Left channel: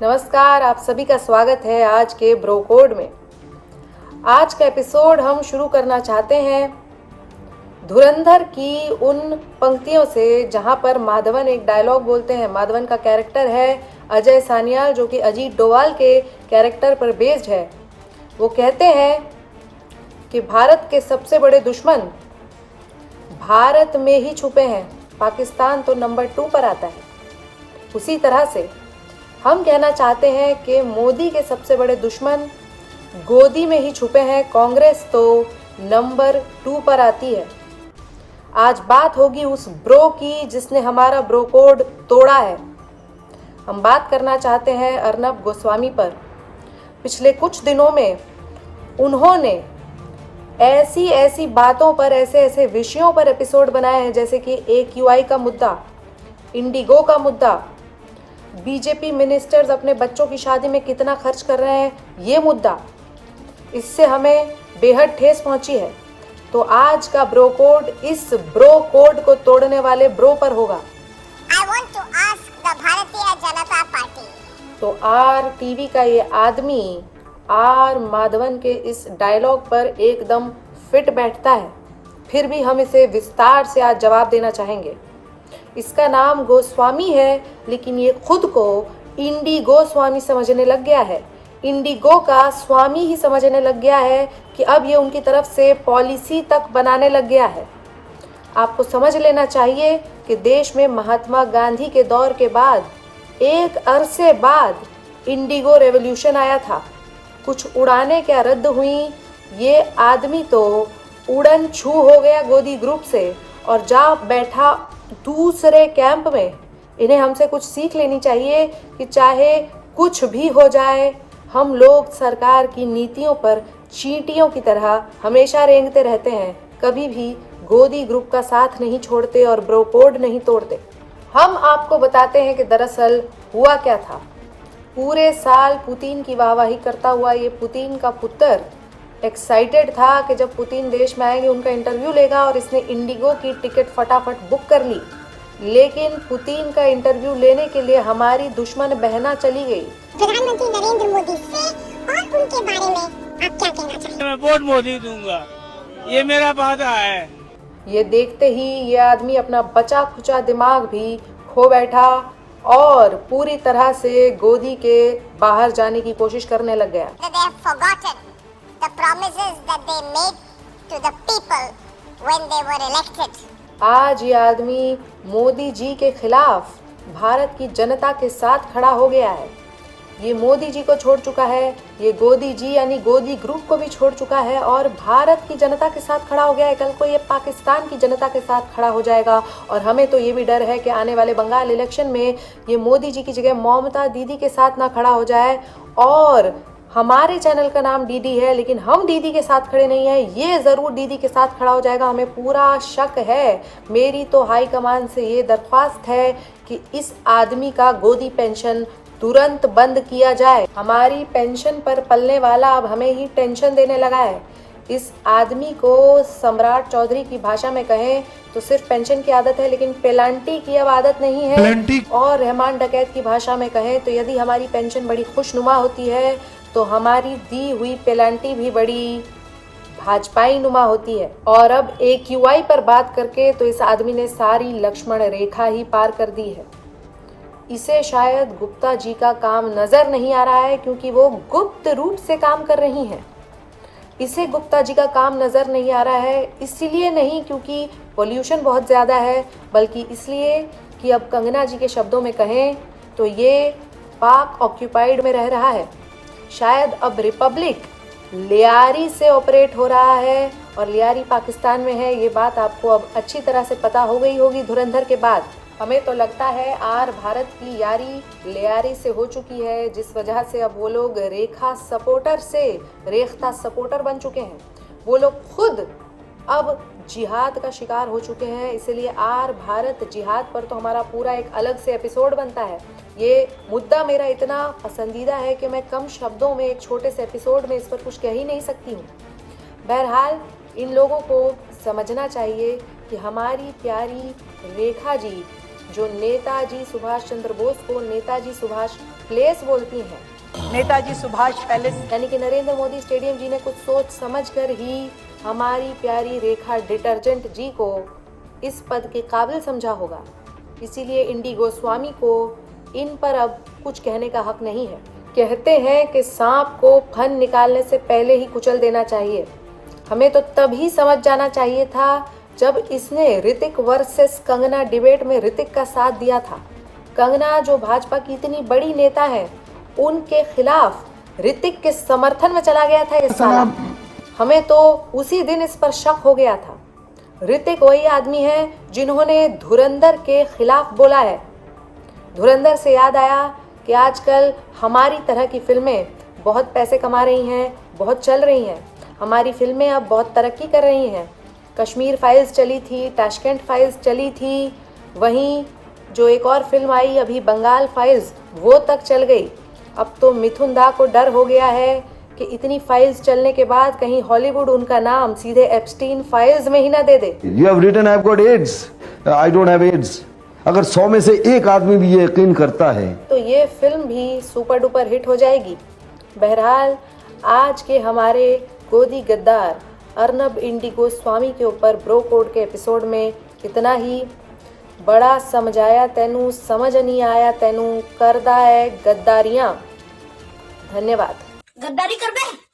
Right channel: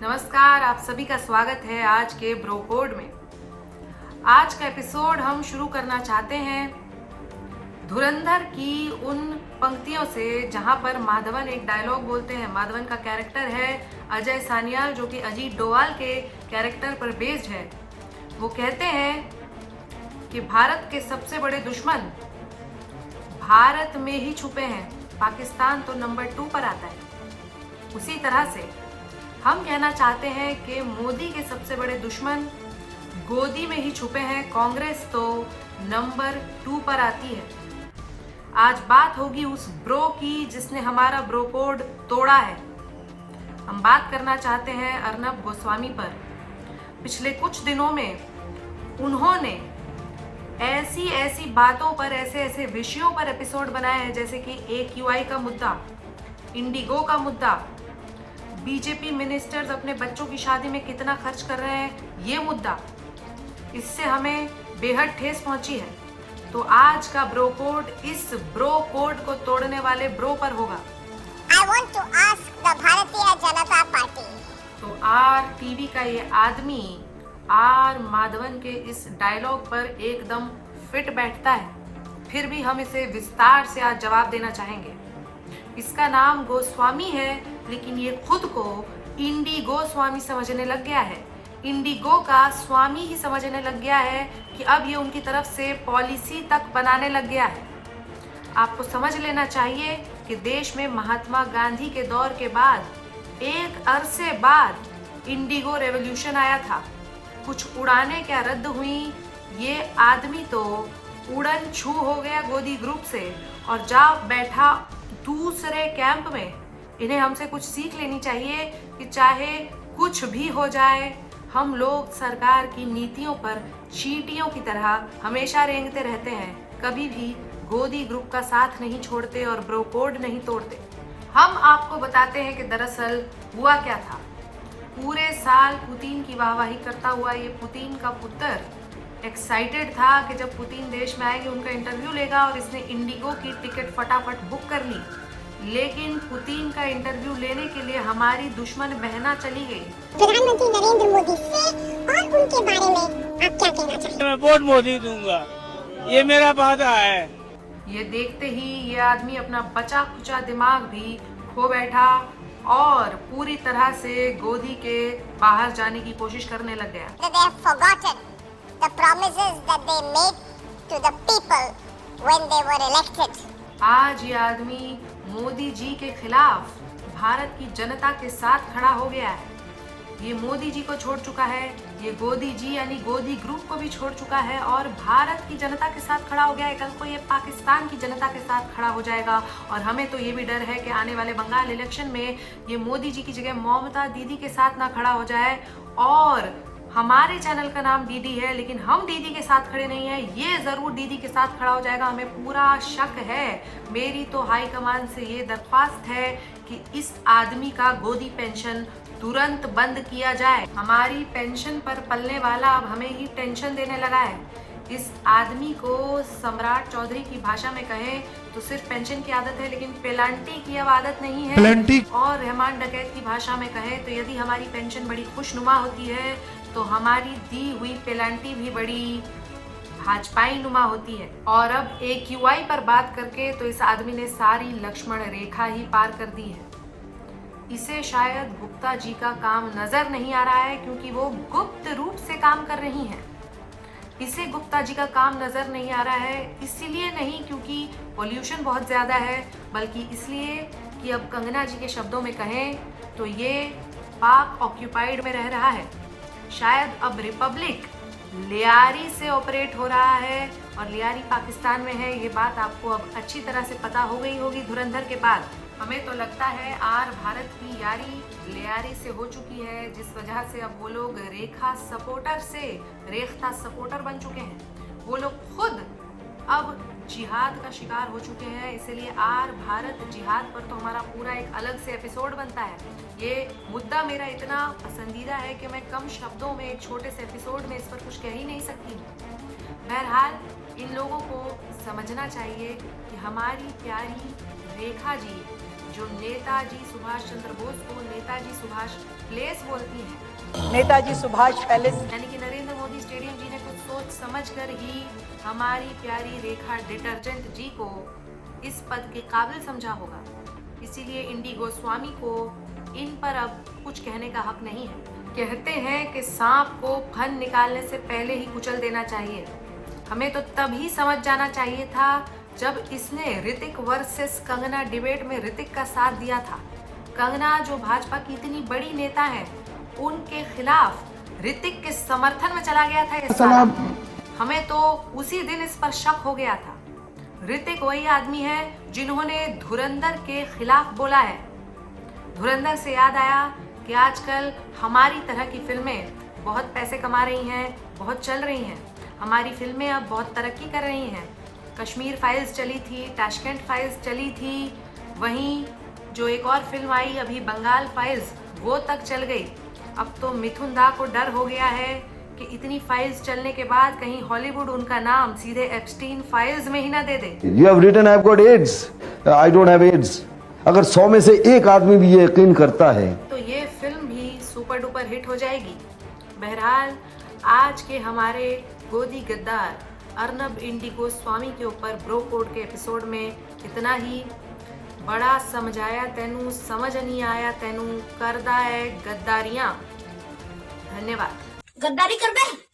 नमस्कार, आप सभी का स्वागत है आज के ब्रो कोड में। आज का एपिसोड हम शुरू करना चाहते हैं धुरंधर की उन पंक्तियों से जहां पर माधवन एक डायलॉग बोलते हैं। माधवन का कैरेक्टर है अजय सान्याल, जो कि अजीत डोभाल के कैरेक्टर पर बेस्ड है। वो कहते हैं कि भारत के सबसे बड़े दुश्मन भारत में ही छुपे हैं, पाकिस्तान तो नंबर 2 पर आता है। उसी तरह से हम कहना चाहते हैं कि मोदी के सबसे बड़े दुश्मन गोदी में ही छुपे हैं, कांग्रेस तो नंबर 2 पर आती है। आज बात होगी उस ब्रो की जिसने हमारा ब्रो कोड तोड़ा है। हम बात करना चाहते हैं अर्नब गोस्वामी पर। पिछले कुछ दिनों में उन्होंने ऐसी बातों पर, ऐसे विषयों पर एपिसोड बनाए हैं, जैसे कि AQI का मुद्दा, इंडिगो का मुद्दा, बीजेपी मिनिस्टर्स अपने बच्चों की शादी में कितना खर्च कर रहे हैं, ये मुद्दा। इससे हमें बेहद ठेस पहुंची है। तो आज का ब्रो कोड इस ब्रो कोड को तोड़ने वाले ब्रो पर होगा। I want to ask the Bharatiya Janata party. तो RTV का ये आदमी आर माधवन के इस डायलॉग पर एकदम फिट बैठता है। फिर भी हम इसे विस्तार से आज जवाब देना चाहेंगे। इसका नाम गोस्वामी है, लेकिन ये खुद को इंडिगो स्वामी समझने लग गया है। इंडिगो का स्वामी ही समझने लग गया है कि अब ये उनकी तरफ से पॉलिसी तक बनाने लग गया है। आपको समझ लेना चाहिए कि देश में महात्मा गांधी के दौर के बाद एक अरसे बाद इंडिगो रेवोल्यूशन आया था। कुछ उड़ानें क्या रद्द हुई, ये आदमी तो उड़न छू हो गया गोदी ग्रुप से और जा बैठा दूसरे कैंप में। इन्हें हमसे कुछ सीख लेनी चाहिए कि चाहे कुछ भी हो जाए, हम लोग सरकार की नीतियों पर चींटियों की तरह हमेशा रेंगते रहते हैं, कभी भी गोदी ग्रुप का साथ नहीं छोड़ते और ब्रो कोड नहीं तोड़ते। हम आपको बताते हैं कि दरअसल हुआ क्या था। पूरे साल पुतिन की वाहवाही करता हुआ ये पुतिन का पुत्र एक्साइटेड था कि जब पुतिन देश में आएंगे उनका इंटरव्यू लेगा, और इसने इंडिगो की टिकट फटाफट बुक कर ली। लेकिन पुतिन का इंटरव्यू लेने के लिए हमारी दुश्मन बहना चली गई। प्रधानमंत्री नरेंद्र मोदी से और उनके बारे में आप क्या कहना चाहते हैं? मैं वोट मोदी दूंगा, ये मेरा वादा है। ये देखते ही ये आदमी अपना बचा खुचा दिमाग भी खो बैठा और पूरी तरह से गोदी के बाहर जाने की कोशिश करने लग गया। That they have forgotten the promises that they made to the people when they were elected. आज ये आदमी मोदी जी के खिलाफ भारत की जनता के साथ खड़ा हो गया है। ये मोदी जी को छोड़ चुका है, ये गोदी जी यानी गोदी ग्रुप को भी छोड़ चुका है और भारत की जनता के साथ खड़ा हो गया है। कल को ये पाकिस्तान की जनता के साथ खड़ा हो जाएगा। और हमें तो ये भी डर है कि आने वाले बंगाल इलेक्शन में ये मोदी जी की जगह ममता दीदी के साथ ना खड़ा हो जाए। और हमारे चैनल का नाम दीदी है, लेकिन हम दीदी के साथ खड़े नहीं हैं, ये ज़रूर दीदी के साथ खड़ा हो जाएगा, हमें पूरा शक है। मेरी तो हाई कमान से ये दरख्वास्त है कि इस आदमी का गोदी पेंशन तुरंत बंद किया जाए। हमारी पेंशन पर पलने वाला अब हमें ही टेंशन देने लगा है। इस आदमी को सम्राट चौधरी की भाषा में कहें तो सिर्फ पेंशन की आदत है, लेकिन पेलांटी की अब आदत नहीं है। और रहमान डकैत की भाषा में कहें तो यदि हमारी पेंशन बड़ी खुशनुमा होती है तो हमारी दी हुई पेलांटी भी बड़ी भाजपाई नुमा होती है। और अब AQI पर बात करके तो इस आदमी ने सारी लक्ष्मण रेखा ही पार कर दी है। इसे शायद गुप्ता जी का काम नजर नहीं आ रहा है, क्योंकि वो गुप्त रूप से काम कर रही हैं। इसे गुप्ता जी का काम नजर नहीं आ रहा है, इसलिए नहीं क्योंकि पोल्यूशन बहुत ज़्यादा है, बल्कि इसलिए कि अब कंगना जी के शब्दों में कहें तो ये पाक ऑक्यूपाइड में रह रहा है। शायद अब रिपब्लिक लियारी से ऑपरेट हो रहा है और लियारी पाकिस्तान में है। ये बात आपको अब अच्छी तरह से पता हो गई होगी धुरंधर के बाद। हमें तो लगता है आर भारत की यारी लियारी से हो चुकी है, जिस वजह से अब वो लोग रेखा सपोर्टर से रेख्ता सपोर्टर बन चुके हैं। वो लोग खुद अब जिहाद का शिकार हो चुके हैं। इसलिए आर भारत जिहाद पर तो हमारा पूरा एक अलग से एपिसोड बनता है। ये मुद्दा मेरा इतना पसंदीदा है कि मैं कम शब्दों में एक छोटे से एपिसोड में इस पर कुछ कह ही नहीं सकती हूँ। बहरहाल इन लोगों को समझना चाहिए कि हमारी प्यारी रेखा जी जो नेताजी सुभाष चंद्र बोस को नेताजी सुभाष प्लेस बोलती हैं। नेताजी सुभाष पैलेस। यानी कि नरेंद्र मोदी स्टेडियम जी ने कुछ सोच समझकर ही हमारी प्यारी रेखा डिटर्जेंट जी को इस पद के काबिल समझा होगा। इसीलिए इंडी गोस्वामी को इन पर अब कुछ कहने का हक नहीं है। कहते हैं कि सांप को फन निकालने से पहले ही कुचल देना चाहिए। हमें तो तभी समझ जाना चाहिए था जब इसने ऋतिक वर्सेस कंगना डिबेट में ऋतिक का साथ दिया था। कंगना जो भाजपा की इतनी बड़ी नेता है, उनके खिलाफ ऋतिक के समर्थन में चला गया था। इस साल हमें तो उसी दिन इस पर शक हो गया था। ऋतिक वही आदमी है जिन्होंने धुरंधर के खिलाफ बोला है। धुरंधर से याद आया कि आजकल हमारी तरह की फिल्में बहुत पैसे कमा रही हैं, बहुत चल रही हैं। हमारी फिल्में अब बहुत तरक्की कर रही हैं। कश्मीर फाइल्स चली थी, ताशकंद फाइल्स चली थी, वहीं जो एक और फिल्म आई अभी बंगाल फाइल्स, वो तक चल गई। अब तो मिथुन दा को डर हो गया है कि इतनी फाइल्स चलने के बाद कहीं हॉलीवुड उनका नाम सीधे एप्स्टीन फाइल्स में ही ना दे दे। You have written I've got AIDS. I don't have AIDS. अगर 100 में से एक आदमी भी ये यकीन करता है तो ये फिल्म भी सुपर डुपर हिट हो जाएगी। बहरहाल आज के हमारे गोदी गद्दार अर्नब इंडी गोस्वामी के ऊपर ब्रो कोड के एपिसोड में इतना ही। बड़ा समझाया तैनू समझ नहीं आया तैनू करदा है गद्दारियां। धन्यवाद। गद्दारी कर बे।